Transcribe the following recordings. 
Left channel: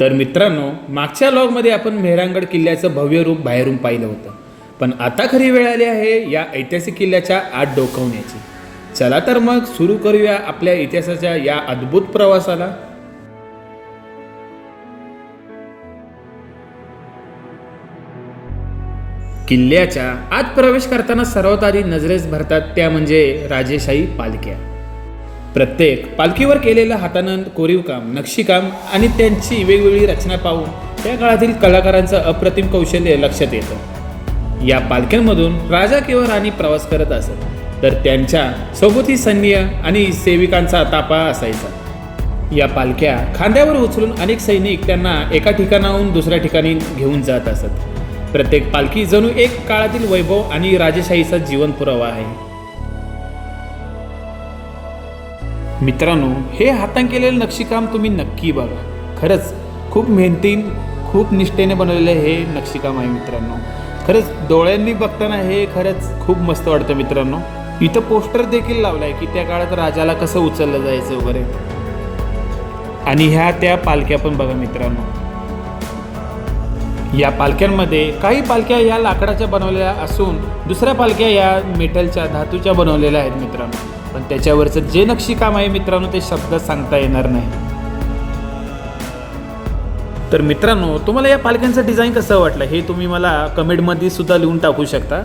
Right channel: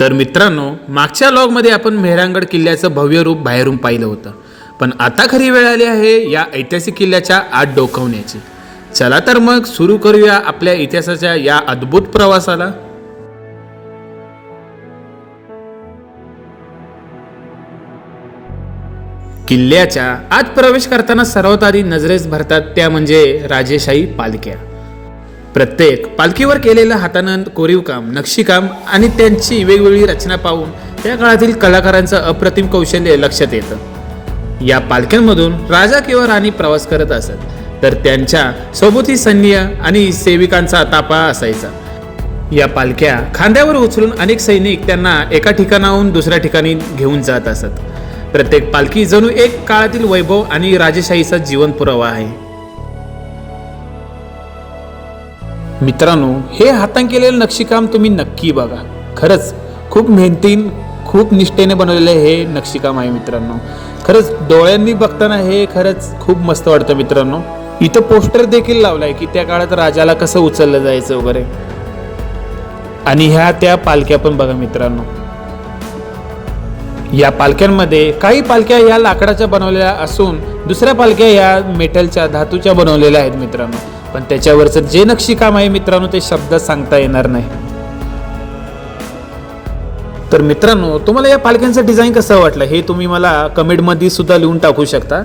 तर मित्रांनो, मागच्या लॉगमध्ये आपण मेहरांगड किल्ल्याचं भव्य रूप बाहेरून पाहिलं होतं, पण आता खरी वेळ आली आहे या ऐतिहासिक किल्ल्याच्या आत डोकावण्याची. चला तर मग सुरू करूया आपल्या इतिहासाच्या या अद्भुत प्रवासाला. किल्ल्याच्या आत प्रवेश करताना सर्वात आधी नजरेस भरतात त्या म्हणजे राजेशाही पालख्या. प्रत्येक पालखीवर केलेलं हातानं कोरीव काम, नक्षीकाम आणि त्यांची वेगवेगळी रचना पाहून त्या काळातील कलाकारांचं अप्रतिम कौशल्य लक्षात येतं. या पालख्यांमधून राजा किंवा राणी प्रवास करत असत, तर त्यांच्या सोबती सैन्य आणि सेविकांचा ताफा असायचा. या पालख्या खांद्यावर उचलून अनेक सैनिक त्यांना एका ठिकाणाहून दुसऱ्या ठिकाणी घेऊन जात असत. प्रत्येक पालखी जणू एक काळातील वैभव आणि राजेशाहीचा जीवन पुरावा आहे. मित्रांनो, हे हाताने केलेलं नक्षीकाम तुम्ही नक्की बघा. खरंच खूप मेहनतीने, खूप निष्ठेने बनवलेलं हे नक्षीकाम आहे मित्रांनो. खरंच डोळ्यांनी बघताना हे खरंच खूप मस्त वाटतं मित्रांनो. इथं पोस्टर देखील लावलाय की त्या काळात राजाला कसं उचललं जायचं वगैरे. आणि ह्या त्या पालख्या पण बघा मित्रांनो. या पालख्यांमध्ये काही पालख्या या लाकडाच्या बनवलेल्या असून दुसऱ्या पालख्या या मेटलच्या, धातूच्या बनवलेल्या आहेत मित्रांनो. पण त्याच्यावरचं जे नक्षीकाम आहे मित्रांनो, ते शब्द सांगता येणार नाही. तर मित्रांनो, तुम्हाला या पालख्यांचं डिझाईन कसं वाटलं हे तुम्ही मला कमेंटमध्ये सुद्धा लिहून टाकू शकता.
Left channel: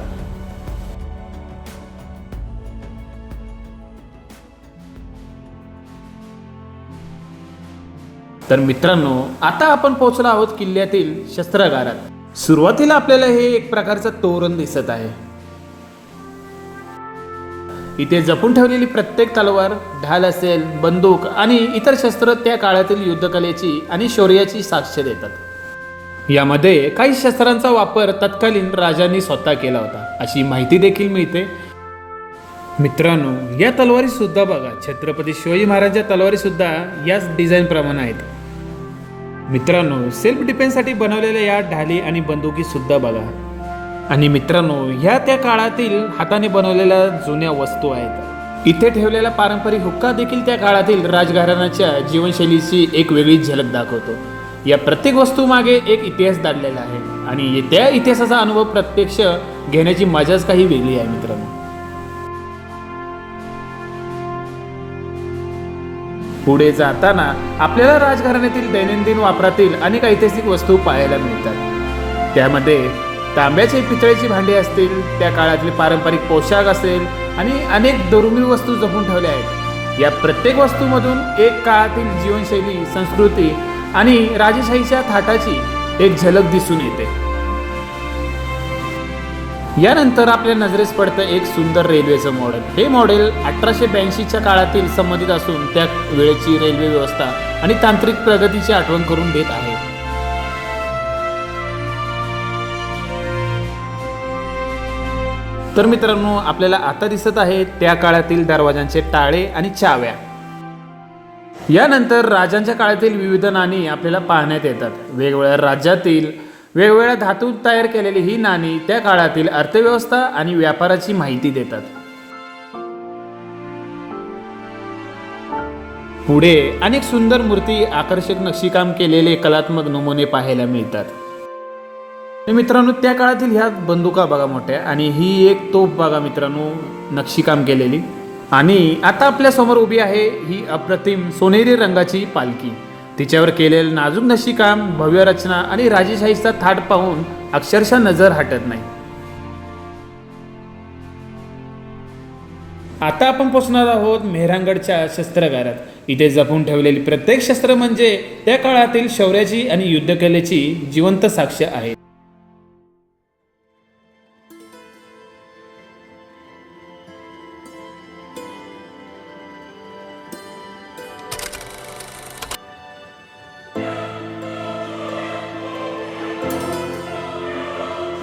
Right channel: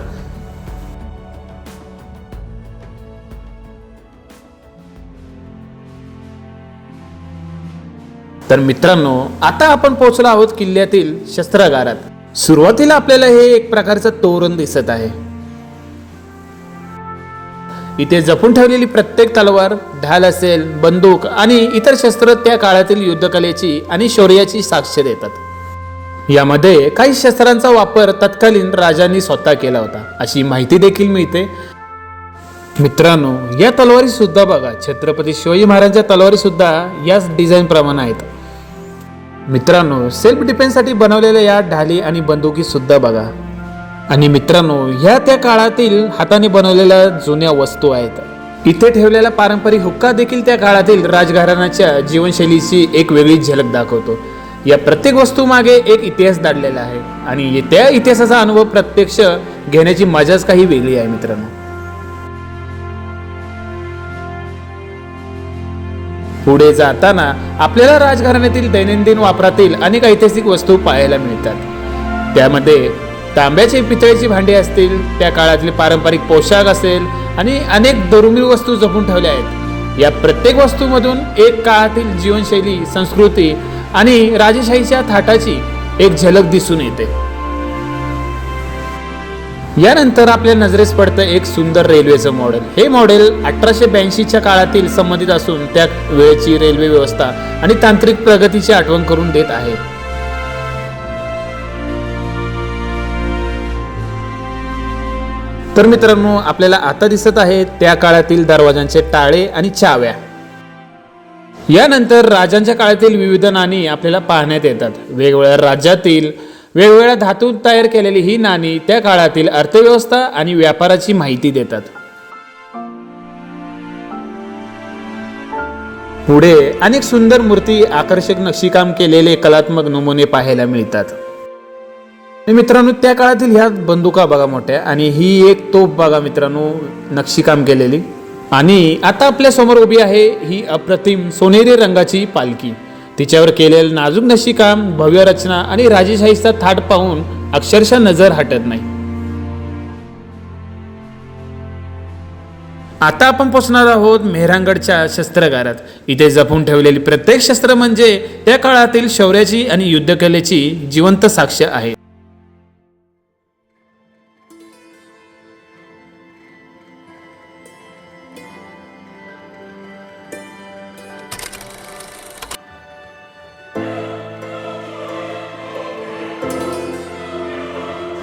तर मित्रांनो, आता आपण पोहोचलो आहोत किल्ल्यातील शस्त्रागारात. सुरुवातीला आपल्याला हे एक प्रकारचं तोरण दिसत आहे. इथे जपून ठेवलेली प्रत्येक तलवार, ढाल असेल, बंदूक आणि इतर शस्त्र त्या काळातील युद्धकलेची आणि शौर्याची साक्ष देतात. यामध्ये काही शस्त्रांचा वापर तत्कालीन राजांनी स्वतः केला होता अशी माहिती देखील मिळते. मित्रांनो, या तलवारी सुद्धा बघा, छत्रपती शिवाजी महाराजांच्या तलवारी सुद्धा याच डिझाईन प्रमाणे आहेत. मित्रांनो, सेल्फ डिफेन्ससाठी बनवलेल्या या ढाली आणि बंदुकी सुद्धा बघा. आणि मित्रांनो, ह्या त्या काळातील हाताने बनवलेल्या जुन्या वस्तू आहेत. इथे ठेवलेला पारंपरिक हुक्का देखील त्या काळातील राजघराण्याच्या जीवनशैलीची एक वेगळी झलक दाखवतो. या प्रत्येक वस्तू मागे एक इतिहास दडलेला आहे आणि त्या इतिहासाचा अनुभव प्रत्यक्ष घेण्याची मजाच काही वेगळी आहे मित्रांनो. पुढे जाताना आपल्याला राजघराण्यातील दैनंदिन वापरातील अनेक ऐतिहासिक वस्तू पाहायला मिळतात. त्यामध्ये तांब्याची, पितळेची भांडी असतील, त्या काळातले पारंपरिक पोशाख असेल आणि अनेक दुर्मिळ वस्तू जपून ठेवल्या आहेत. या प्रत्येक वस्तूमधून एक काळातील जीवनशैली, संस्कृती आणि राजेशाहीच्या थाटाची एक झलक दिसून येते. यानंतर आपल्या नजरेस पडतं एक सुंदर रेल्वेचं मॉडेल. हे मॉडेल 1882च्या काळातील संबंधित असून त्या वेळेची रेल्वे व्यवस्था आणि तांत्रिक प्रगतीची आठवण करून देत आहे. तर मित्रांनो, आपल्याला आता दिसत आहे त्या काळातील दरवाजांचे टाळे आणि चाव्या. यानंतर राजांच्या काळातील विविध नाणी आपल्याला पाहण्यात येतात. वेगवेगळ्या राज्यातील वेगवेगळ्या धातूत तयार केलेली ही नाणी त्या काळातील अर्थव्यवस्था आणि व्यापाराची माहिती देतात. पुढे अनेक सुंदर मूर्ती, आकर्षक नक्षीकाम केलेले कलात्मक नमुने पाहायला मिळतात. मित्रांनो, त्या काळातील ह्या बंदुका बघा मोठ्या, आणि ही एक तोफ बघा मित्रांनो, नक्षीकाम केलेली. आणि आता आपल्या समोर उभी आहे ही अप्रतिम सोनेरी रंगाची पालखी. तिच्यावर केलेलं नाजूक नक्षीकाम, भव्य रचना आणि राजेशाहीचा थाट पाहून अक्षरशः नजर हटत नाही. आता आपण पोहोचणार आहोत मेहरांगडच्या शस्त्रागारात. इथे जपून ठेवलेली प्रत्येक शस्त्र म्हणजे त्या काळातील शौर्याची आणि युद्धकलेची जिवंत साक्ष आहे.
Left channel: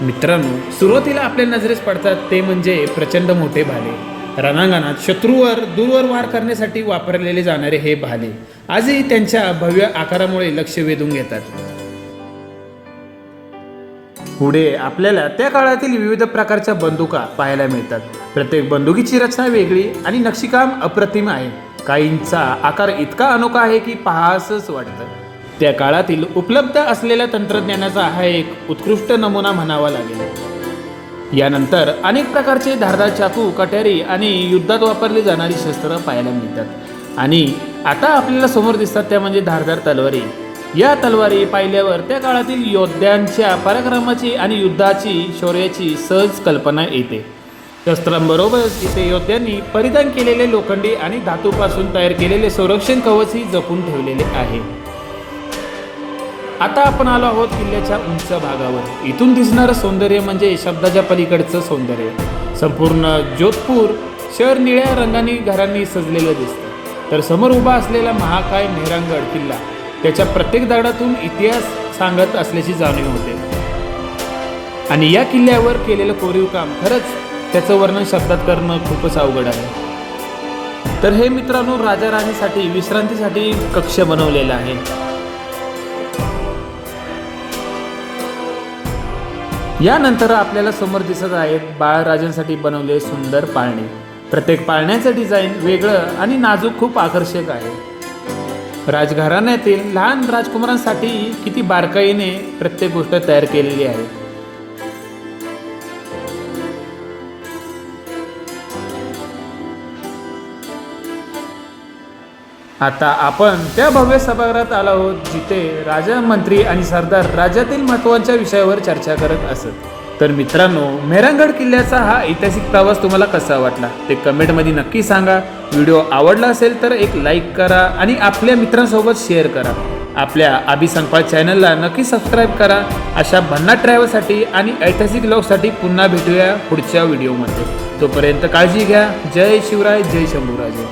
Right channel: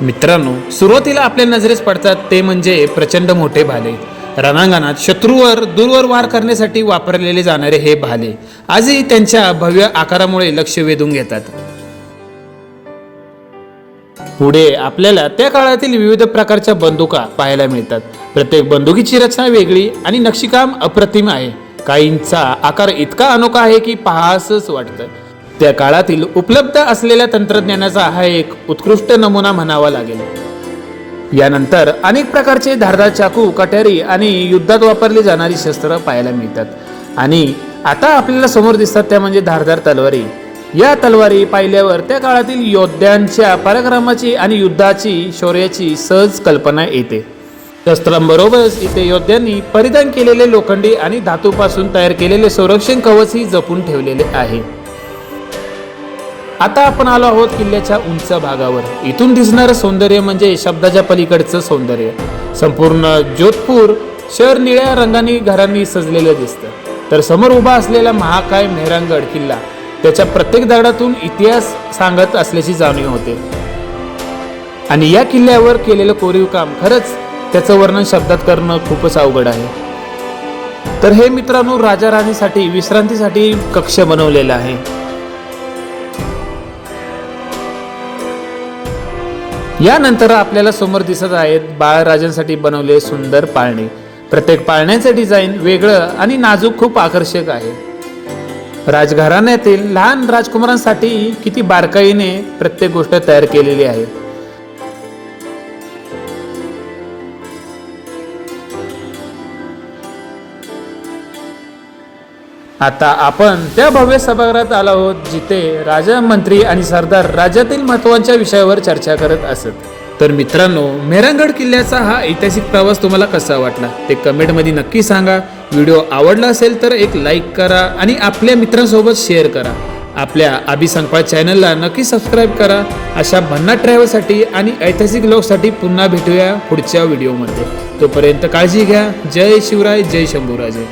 मित्रांनो, सुरुवातीला आपल्या नजरेस पडतात ते म्हणजे प्रचंड मोठे भाले. रणांगणात शत्रूवर दूरवर वार करण्यासाठी वापरलेले जाणारे हे भाले आजही त्यांच्या भव्य आकारामुळे लक्ष वेधून घेतात. पुढे आपल्याला त्या काळातील विविध प्रकारच्या बंदुका पाहायला मिळतात. प्रत्येक बंदुकीची रचना वेगळी आणि नक्षीकाम अप्रतिम आहे. काहींचा आकार इतका अनोखा आहे की पाहासच वाटतं. त्या काळातील उपलब्ध असलेल्या तंत्रज्ञानाचा हा एक उत्कृष्ट नमुना म्हणावा लागेल। यानंतर अनेक प्रकारचे धारदार चाकू, कट्यारी आणि युद्धात वापरली जाणारी शस्त्र पाहायला मिळतात आणि आता आपल्याला समोर दिसतात त्या म्हणजे धारदार तलवारी। या तलवारी पाहिल्यावर त्या काळातील योद्ध्यांच्या पराक्रमाची आणि युद्धाची शौर्याची सहज कल्पना येते। शस्त्रांबरोबरच इथे योद्ध्यांनी परिधान केलेले लोखंडी आणि धातूपासून तयार केलेले संरक्षण कवचही जपून ठेवलेले आहे। आता आपण आलो आहोत किल्ल्याच्या उंच भागावर। इथून दिसणारं सौंदर्य म्हणजे शब्दाच्या पलीकडचं सौंदर्य। संपूर्ण जोधपूर शहर निळ्या रंगानी घरांनी सजलेलं दिसतं, तर समोर उभा असलेला महाकाय मेहरांगड किल्ला त्याच्या प्रत्येक दगडातून इतिहास सांगत असल्याची जाणीव होते। आणि या किल्ल्यावर केलेलं कोरीव काम खरंच त्याचं वर्णन शब्दात करणं खूपच अवघड आहे। तर हे मित्रांनो राजा राणीसाठी विश्रांतीसाठी कक्ष बनवलेला आहे। यानंतर आपल्याला समोर दिसत आहेत बाळराजांसाठी बनवलेले सुंदर पाळणे। प्रत्येक पाळण्याचं डिझाईन वेगळं आणि नाजूक खूप आकर्षक आहे। राजघराण्यातील लहान राजकुमारांसाठी किती बारकाईने प्रत्येक गोष्ट तयार केलेली आहे। आता आपण त्या भव्य सभागृहात आलो आहोत जिथे राजा, मंत्री आणि सरदार राज्यातील महत्त्वाच्या विषयावर चर्चा करत असत। तर मित्रांनो, मेहरांगड किल्ल्याचा हा ऐतिहासिक प्रवास तुम्हाला कसा वाटला ते कमेंटमध्ये नक्की सांगा। व्हिडिओ आवडला असेल तर एक लाईक करा आणि आपल्या मित्रांसोबत शेअर करा। आपल्या अभिसंपाळ चॅनलला नक्की सबस्क्राईब करा। अशा भन्नाट ट्रॅव्हलसाठी आणि ऐतिहासिक लोकसाठी पुन्हा भेटूया पुढच्या व्हिडिओमध्ये। तोपर्यंत काळजी घ्या। जय शिवराय, जय शंभूराजे।